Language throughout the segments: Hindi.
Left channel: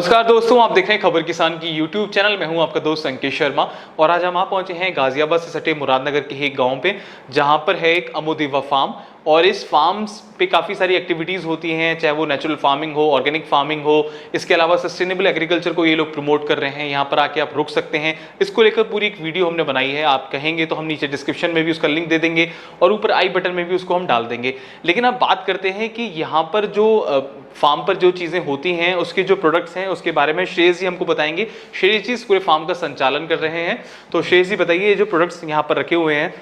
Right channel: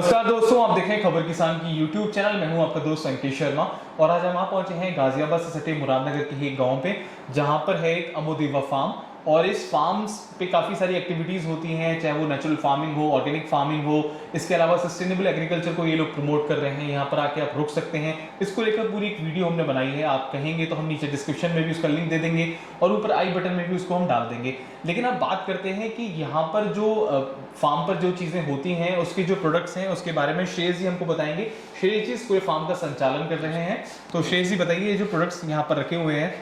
नमस्कार दोस्तों, आप देख रहे हैं खबर किसान की यूट्यूब चैनल। मैं हूं आपका दोस्त अंकित शर्मा और आज हम आप पहुंचे हैं गाजियाबाद से सटे मुरादनगर के एक गांव पे, जहां पर है एक अमोदिवा फार्म। और इस फार्म्स पे काफ़ी सारी एक्टिविटीज़ होती हैं, चाहे वो नेचुरल फार्मिंग हो, ऑर्गेनिक फार्मिंग हो। इसके अलावा सस्टेनेबल एग्रीकल्चर को ये लोग प्रमोट कर रहे हैं। यहाँ पर आके आप रुक सकते हैं। इसको लेकर पूरी एक वीडियो हमने बनाई है, आप कहेंगे तो हम नीचे डिस्क्रिप्शन में भी उसका लिंक दे देंगे और ऊपर आई बटन में भी उसको हम डाल देंगे। लेकिन अब बात करते हैं कि यहाँ पर जो फार्म पर जो चीज़ें होती हैं, उसके जो प्रोडक्ट्स हैं, उसके बारे में श्रेयस जी हमको बताएंगे। श्रेयस जी इस पूरे फार्म का संचालन कर रहे हैं। तो श्रेयस जी बताइए, जो प्रोडक्ट्स यहाँ पर रखे हुए हैं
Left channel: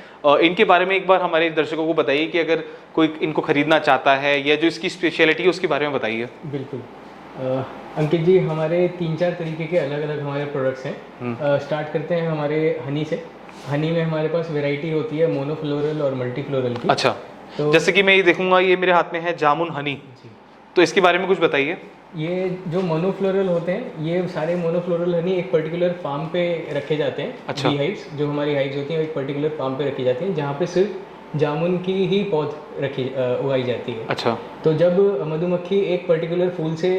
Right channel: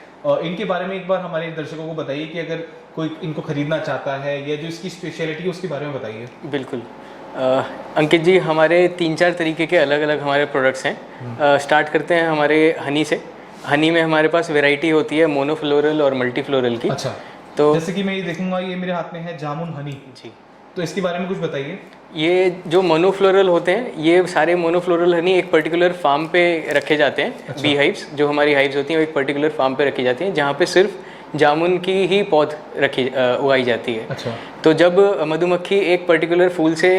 इनके बारे में एक बार हमारे दर्शकों को बताइए कि अगर कोई इनको खरीदना चाहता है या जो इसकी स्पेशलिटी है उसके बारे में बताइए। बिल्कुल अंकित जी, हमारे 3-4 तरीके के अलग अलग हमारे प्रोडक्ट्स हैं। स्टार्ट करते हैं हमारे हनी से। हनी में हमारे पास वैरायटी होती है मोनोफ्लोरल और मल्टीफ्लोरल की। अच्छा, तो जैसे कि मैं ये देखूंगा, ये मेरे हाथ में है जामुन हनी जी, तो इसके बारे में कुछ बताइए। ये जो मोनोफ्लोरल होते हैं, ये सारे मोनोफ्लोरल हनी एक पर्टिकुलर फार्म पे रखे जाते हैं। अच्छा। बी हाइव्स, जो हमारी हाइव्स होती हैं, वो एक पर्टिकुलर फार्म पे रखी जाती हैं, जहाँ पे सिर्फ जामुन की ही पौध उगाई जाती है। अच्छा। तो जब मधुमक्खी एक पर्टिकुलर फूल से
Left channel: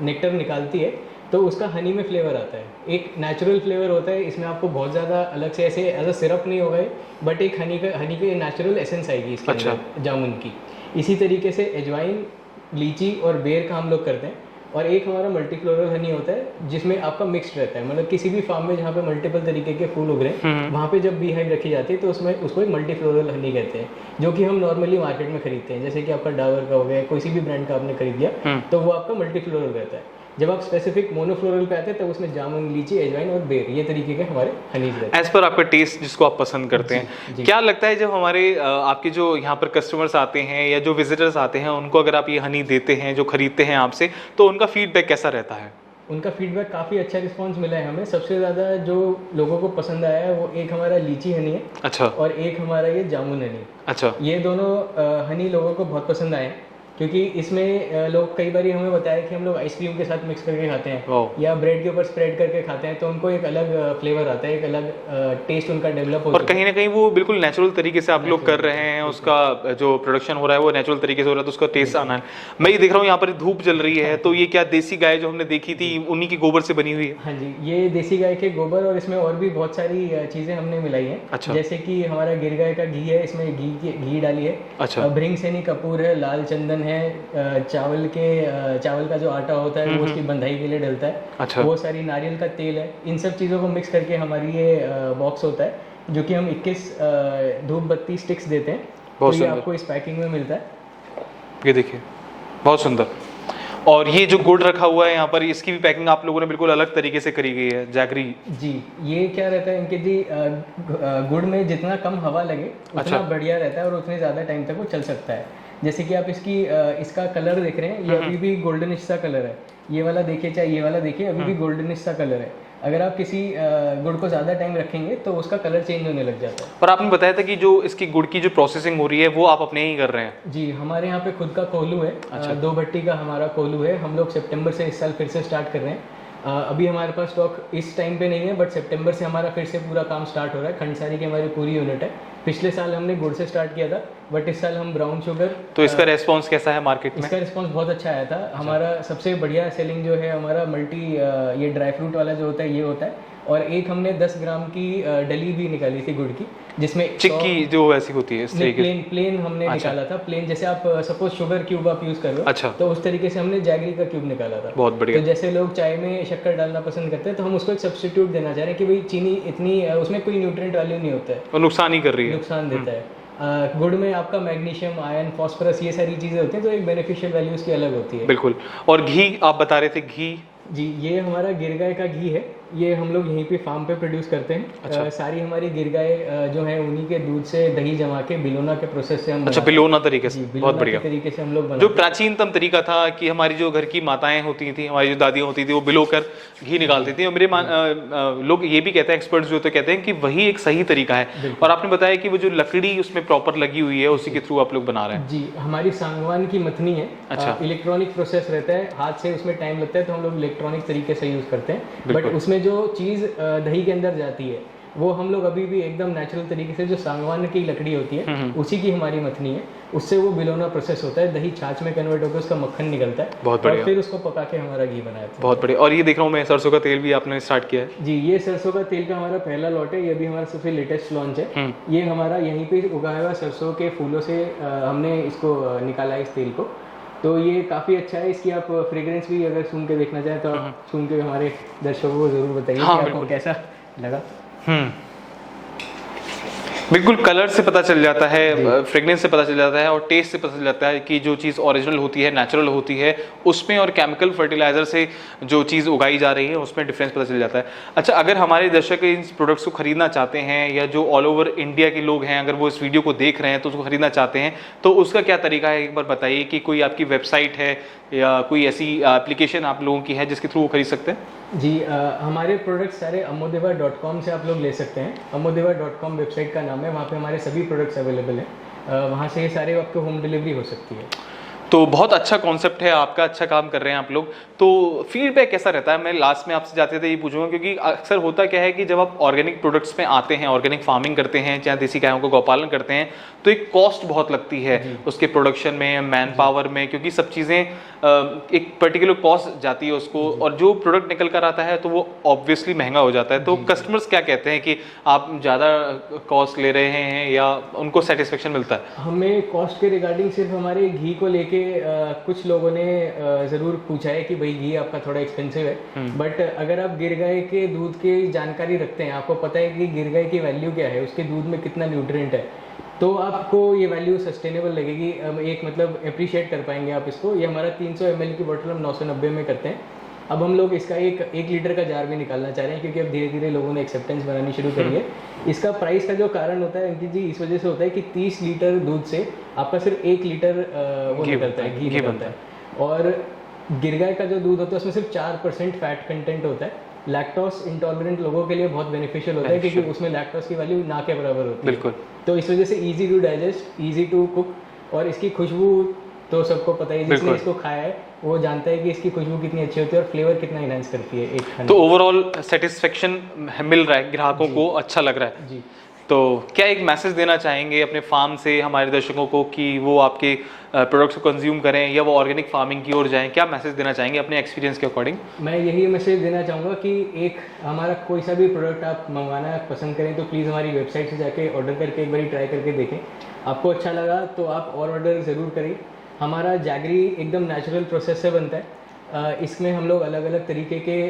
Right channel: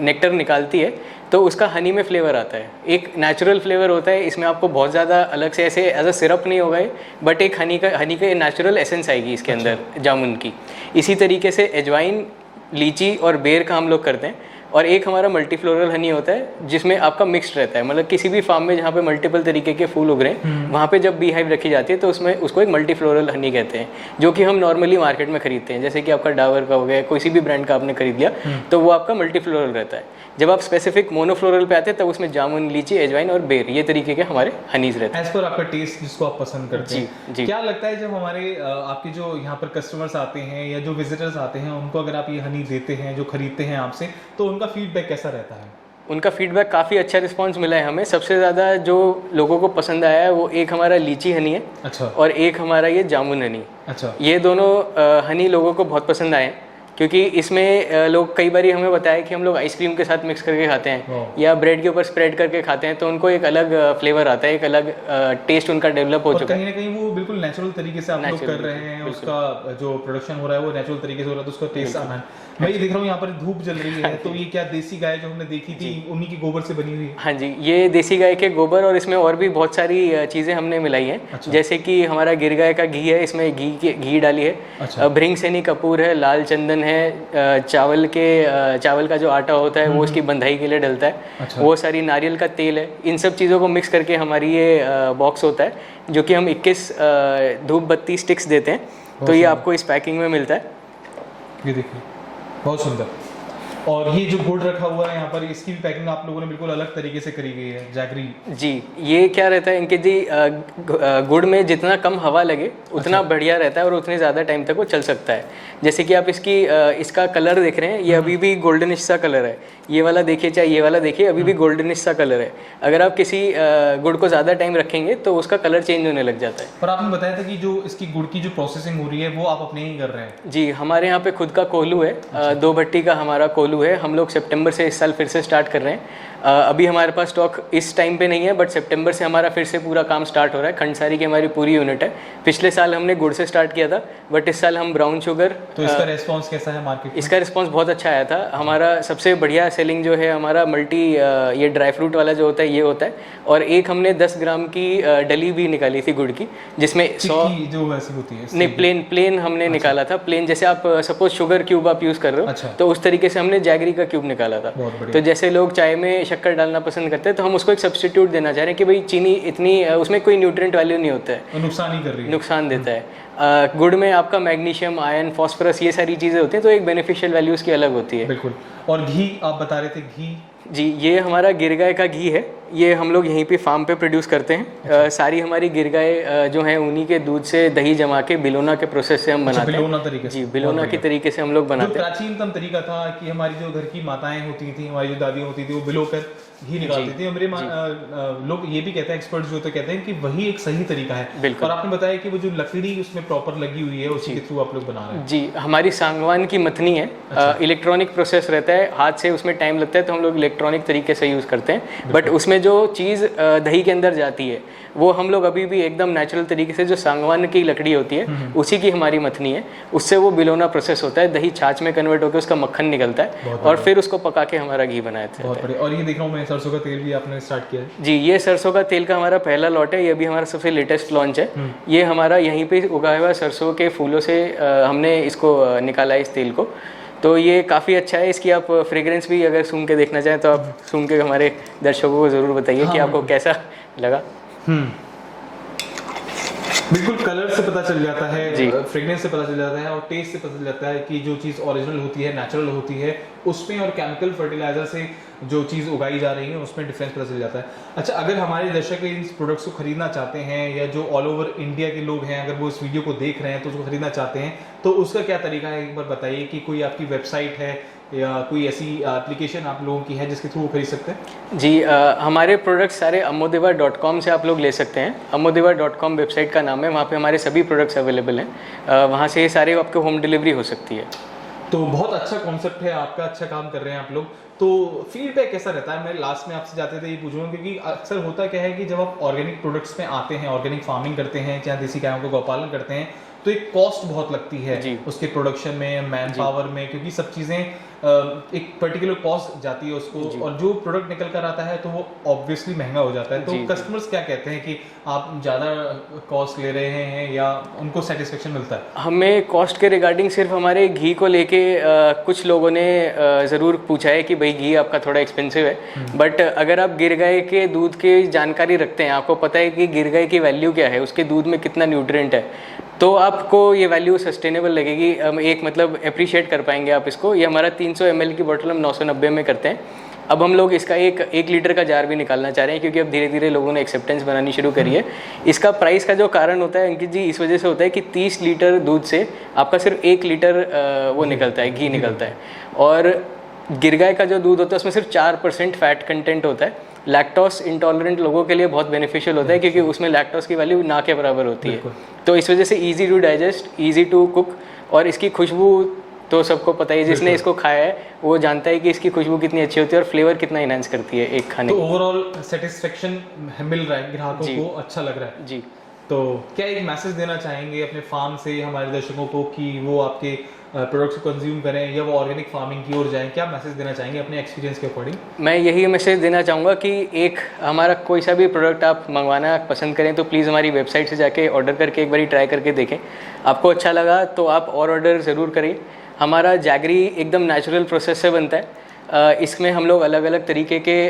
नेक्टर निकालती है तो उसका हनी में फ्लेवर आता है। एक नेचुरल फ्लेवर होता है, इसमें आपको बहुत ज़्यादा अलग से ऐसे एज अ सिरप नहीं होगा, बट एक हनी का नेचुरल एसेंस आएगी इसके अंदर जामुन की। इसी तरीके से अजवाइन, लीची और बेर का हम लोग करते हैं। और एक हमारा मल्टीफ्लोरल हनी होता है जिसमें आपका मिक्स्ड रहता है, मतलब किसी भी फार्म में जहाँ पे मल्टीपल तरीके के फूल उग रहे हैं, वहाँ पे जब बी हाइव रखी जाती है तो उसमें उसको एक मल्टीफ्लोरल हनी कहते हैं, जो कि हम नॉर्मली मार्केट में खरीदते हैं। जैसे कि आपका डाबर का हो गया, किसी भी ब्रांड का आपने खरीद लिया तो वो आपका मल्टीफ्लोरल रहता है। जब आप स्पेसिफिक मोनोफ्लोरल पे आते हैं तब उसमें जामुन, लीची, अजवाइन और बेर, ये तरीके के हमारे हनीज रहते हैं। एज पर आपका टेस्ट जिसको आप पसंद करते हैं। क्या लगता है जब हमारे आपके जो यहाँ पर कस्टमर्स आते हैं या जो विजिटर्स आते हैं, उनको अगर आप ये हनी देते हैं, जो खरीदते हैं आपसे, तो उनका फीडबैक कैसा रहता है? उनका फीडबैक काफ़ी अच्छा रिस्पांस मिला है हमें। सबसे ज़्यादा जो लोगों को पसंद आया है वो एक हमारा लीची हनी है। अच्छा। और एक हमारा ये जामुन हनी। अच्छा। ये दोनों हनी लोगों को बहुत पसंद आए, क्योंकि इसमें लोग कई बार हमें बताया कि हम लोग आइसक्रीम के साथ मिक्स करके खाते हैं या ब्रेड के ऊपर स्प्रेड करके खाते हैं, तो उनको एक अलग फ्लेवर आता है, एक अलग टेस्ट उनका डेवलप हो और कहीं ना कहीं वो बिल्कुल नेचुरल तरीके से आप लोग कर रहे हैं। उसका जो प्रोडक्शन हो रहा है वो नेचुरल तरीके से हो रहा है, तो उसका टेस्ट आना है। मैं ये देख रहा हूँ यहाँ पर धूप जल रही है, तो ये क्या देसी गाय जो हमने देखी थी उन्हीं की गोबर से बनी हुई है? हाँ जी, ये देसी गाय के गोबर, और इसमें और भी बहुत सारी चीज़ें हमने मिलाई हैं। अच्छा। जैसे कि हमारा गिर गाय का घी है, इसमें घी डाली है। अच्छा। भृंग सेनी कपूर है, लाल चंदन है, चावल का जो आटा होता है वो उसकी बंधाई के लिए डलता है। अच्छा। वो सारी नारियल का तेल है। इन सब चीज़ों को मिक्स करके हमारी ये बॉक्स होता है, जो कि हम 21 धूप बत्ती स्टिक्स देते हैं। तो ये आपको इस पैकिंग में मिलता है। ये देखिए, बहुत सुंदर। और ये जो गुड़ रखा हुआ है यहाँ पर, इसकी भी पैकिंग आप लोगों ने बिल्कुल अलग तरीके से करी गई है, जैगरी जी। ये क्या रहता है इनके जी, गुड़ में जितना कम हवा लगे उतना बढ़िया रहता है और उतने ज़्यादा टाइम तक वो चल सकता है। जैसे कि आप इसका कलर देख रहे हैं, ये अभी भी गोल्डनिश सा कलर है। ये वाला देखिए, चाहे ये वाला देखिए, अभी भी गोल्डनिश सा कलर है। अगर आप किसी गुड़ को ज़्यादा टाइम रखेंगे तो उसका कलर चेंज होने लग जाता है। पर आपने बताया था कि जो इसकी गुड़ की जो प्रोसेसिंग हो रही है वो आप अपने ही कर रहे हैं? जी, हमारे यहाँ पे खुद का कोल्हू है। 2 भट्टी का हमारा कोल्हू है। हम लोग सितंबर से इस साल फिर से स्टार्ट कर रहे हैं। अभी हमारे पास स्टॉक इस टाइम पे नहीं है, बट सितंबर से हमारा फिर से पूरा काम स्टार्ट हो रहा है। खंडसारी की हमारी पूरी यूनिट है। पिछले साल हमने गुड़ से स्टार्ट किया था, बट इस साल हम ब्राउन शुगर। तो इसका रेस्पॉन्स कैसा है मार्केट में? इसका रिस्पांस बहुत अच्छा आया था। हमारा सबसे बढ़िया सेलिंग जो है हमारा ये ड्राई फ्रूट वाला जो होता है, ये होता है। और एक हमने 10 ग्राम की डली भी निकाली थी गुड़ की, जिसमें चिक्की जो वैसी होती है। नहीं, प्लेन हमने निकाला था। प्लेन जैसे आप सपोज शुगर क्यूब आप यूज़ कर रहे हो। अच्छा। तो उस तरीके से हमने जैगरी का क्यूब निकाला था। बहुत बढ़िया। तो जैसे लोग चाय में शक्कर डालना पसंद करते हैं, तो हम उसको एक सब्स्टिट्यूट देना चाह रहे हैं कि भाई चीनी इतनी उसमें कोई न्यूट्रिएंट वैल्यू नहीं होता है और नुकसान ही कर रही है, नुकसान देता है। गुड़ में आपका मैग्नीशियम, आयरन, फॉस्फोरस, ये सारी चीज़ें होती हैं, तो एक बेनिफिशियल वैल्यू उसकी अलग होती है। बिल्कुल। और घी आप बता रहे थे, घी जी, ये हमारा गिर गाय का घी है। ये हम लोग यहीं पे फार्म पे प्रोड्यूस करते हैं। अच्छा। सारी हमारी गिर गाय जो है उन्हीं के दूध से दही जमा के बिलोना के प्रोसेस से हम बनाते हैं। बिलोना तरीके से? जी, बिलोना के तरीके से हम लोग बनाते हैं। जो प्राचीनतम तरीका था कि हमारी जो घर की माताएं होती थी, हमारी जो दादियां होती थी, वो बिलो कर घी निकालती थी। और मेरे लोग ये भी कहते हैं, एक्सपर्ट्स जो तो कहते हैं कि वही एक सही तरीका है। और आपने बताया कि वो जो लकड़ी उसमें प्रॉपर लगी हुई है, उसी के थ्रू आप लोग बना रहे हैं। जी, हमारी सांगवान की मथनी है। अच्छा। इलेक्ट्रॉनिक प्रोसेस रहता है, हाथ से उसमें टाइम लगता है, तो हम लोग इलेक्ट्रॉनिक तरीके से यूज़ करते हैं। बट उसमें जो चीज़ दही के अंदर जाती है वो हम लोग अभी भी एकदम नेचुरल तरीके से, जो सांगवान की लकड़ी होती है उसी की हमारी मथनी है, उससे वो बिलोना प्रोसेस होता है, दही छाछ में कन्वर्ट होकर उसका मक्खन निकलता है और फिर उसको पका के हमारा घी बनाया था। बहुत बढ़िया। और ये देख रहा हूँ मैं, सरसों का तेल भी आपने स्टार्ट किया है। जी, ये सरसों का तेल का हमारा पहला लॉट है, ये भी हमारा सबसे लेटेस्ट लॉन्च है। ये हमारा यहीं पे उगाया हुआ सरसों के फूलों से हमने इसको निकाला है इस तेल को। तो ये काफ़ी अच्छा है। इसकी आप फ्रेग्रेंस भी अगर सूंघ के देखना चाहें तो आप सूंघ के हमारे दर्शकों को ज़रूर बताइए कि आपको कैसा लगा। बिल्कुल, कलर से पता चल जाता है, फ्रेग्रेंस से पता चल जाता है और टेस्ट से पता चल जाता है कि जो चीज़ ओरिजिनल होती है, नेचुरल होती है, उसमें और केमिकल फर्टिलाइजर से जो चीज़ उगाई जा रही है उसमें डिफरेंस पता चल जाता है। अच्छा, अगर हमारे दर्शक इन प्रोडक्ट्स को खरीदना चाहते हैं या जो ऑल ओवर इंडिया के लोग हैं, अगर वो इस वीडियो को देख रहे हैं तो उसको खरीदना चाहते हैं, तो उसका क्या तरीका है, एक बार बताइए। कि कोई आपकी वेबसाइट है या कोई ऐसी एप्लीकेशन आप लोगों की है जिसके थ्रू वो खरीद सकते हैं? जी, हमारे प्रोडक्ट्स सारे amodeva.com से आप लोग ले सकते हैं। amodeva.com वेबसाइट का नाम है, वहाँ पे हमारे सभी प्रोडक्ट्स अवेलेबल हैं। वहाँ से ये सारे आपको होम डिलीवरी हो सकती है। तो बहुत अच्छा कॉन्सेप्ट है आपका, अच्छा काम कर रहे हैं आप लोग। तो फीडबैक कैसा रहता है? मैं लास्ट में आपसे जाते थे ये पूछूंगा, क्योंकि अक्सर होता क्या है कि जब आप ऑर्गेनिक प्रोडक्ट्स में आते हैं, ऑर्गेनिक फार्मिंग करते हैं, चाहे देसी गायों का गौपालन करते हैं, तो एक कॉस्ट बहुत लगती है उसके प्रोडक्शन में, मैन पावर में, क्योंकि सब चीज़ें एक पर्टिकुलर कॉस्ट जाती है उसको, और जो प्रोडक्ट निकल कर आता है तो वो ऑब्वियसली महंगा हो जाता है। तो कस्टमर्स क्या कहते हैं कि आप ज़्यादा कॉस्ट ले रहे हैं या उनको सेटिस्फेक्शन मिलता है? हमें कॉस्ट के रिगार्डिंग सिर्फ हमारे घी को लेके कुछ लोगों ने ज़रूर पूछा है कि भाई घी आपका थोड़ा एक्सपेंसिव है, बट अगर आप गिर गाय के दूध की जानकारी रखते हैं, आपको पता है कि गिर गाय की वैल्यू क्या है, उसके दूध में कितना न्यूट्रिएंट है, तो आपको ये वैल्यू सस्टेनेबल लगेगी। एक मतलब अप्रिशिएट कर पाएंगे आप इसको। ये हमारा 300 ml की बोतल हम 990 में करते हैं। अब हम लोग इसका एक लीटर का जार भी निकालना चाह रहे हैं, क्योंकि अब धीरे धीरे लोगों ने एक्सेप्टेंस बनानी शुरू करी है। इसका प्राइस का जो कारण होता है अंकित जी, इस वजह से होता है कि 30 लीटर दूध से आपका सिर्फ 1 लीटर वो निकलता है, घी निकलता है। और गिर गाय का जो दूध होता है उसमें सिर्फ 4% फैट कंटेंट होता है। लैक्टोस इंटॉलरेंट लोगों के लिए बहुत बेनिफिशियल होता है, क्योंकि उसमें लैक्टोस की वैल्यू ना के बराबर होती है। तो इस वजह से easy to digest, easy to cook, और इसकी खुशबू तो सबको पता है, जिसने इसको खाया है वो जानता है कि इसकी खुशबू कितनी अच्छी होती है और फ्लेवर कितना इनहेंस करती है एक खाने। तो ओवरऑल सेटिस्फेक्शन मिल रहा है ग्राहकों को, अच्छा लग रहा है। जी। तो क्या एक मैसेज देना चाहेंगे अपने फार्म से हमारे दर्शकों को कि वो आपके प्रोडक्ट्स को कंज्यूम करें या वो ऑर्गेनिक फार्मिंग की ओर जाएं? क्या मैसेज देना चाहेंगे अपने एक्सपीरियंस के अकॉर्डिंग? मैं यही मैसेज देना चाहूँगा कि एक हमारा कोई सा भी प्रोडक्ट आप मंगवाना पसंद करें तो प्लीज़ हमारी वेबसाइट से जाके ऑर्डर करके एक बारी ट्राई करके देखें। आपको अच्छा लगा तो आप और ऑर्डर ज़रूर करें। हमारा जैगरी एकदम नेचुरल प्रोसेस से बनता है। इसमें हम लोग अलग अलग तरीके के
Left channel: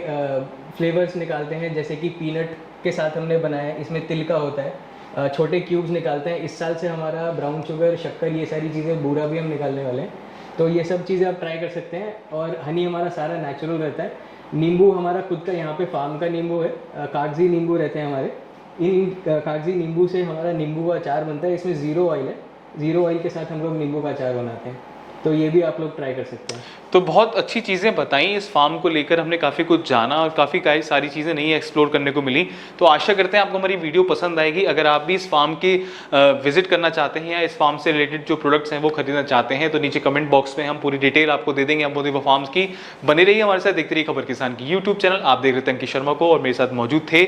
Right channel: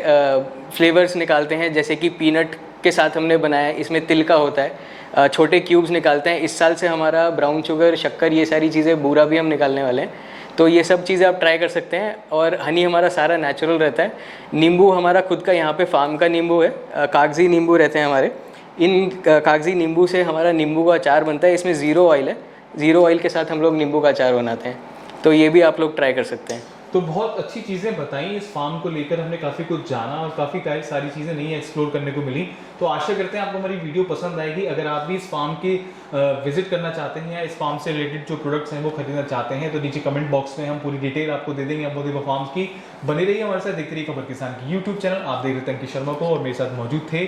फ्लेवर्स निकालते हैं, जैसे कि पीनट के साथ हमने बनाया है, इसमें तिल का होता है, छोटे क्यूब्स निकालते हैं। इस साल से हमारा ब्राउन शुगर, शक्कर, ये सारी चीज़ें, बूरा भी हम निकालने वाले हैं। तो ये सब चीज़ें आप ट्राई कर सकते हैं। और हनी हमारा सारा नेचुरल रहता है। नींबू हमारा खुद का यहाँ पे फार्म का नींबू है, कागजी नींबू रहते हैं हमारे। इन कागजी नींबू से हमारा नींबू का अचार बनता है। इसमें ज़ीरो ऑयल है, ज़ीरो ऑयल के साथ हम लोग नींबू का अचार बनाते हैं। तो ये भी आप लोग ट्राई कर सकते हैं। तो बहुत अच्छी चीज़ें बताई इस फार्म को लेकर, हमने काफ़ी कुछ जाना और काफ़ी सारी चीज़ें नई एक्सप्लोर करने को मिली। तो आशा करते हैं आपको हमारी वीडियो पसंद आएगी। अगर आप भी इस फार्म के विजिट करना चाहते हैं या इस फार्म से रिलेटेड जो प्रोडक्ट्स हैं वो खरीदना चाहते हैं, तो नीचे कमेंट बॉक्स में हम पूरी डिटेल आपको दे देंगे अमोदेवा फार्म्स की। बने रहिए हमारे साथ, देखते रहिए खबर किसान की यूट्यूब चैनल। आप देख रहे थे अंकित शर्मा को और मेरे साथ मौजूद थे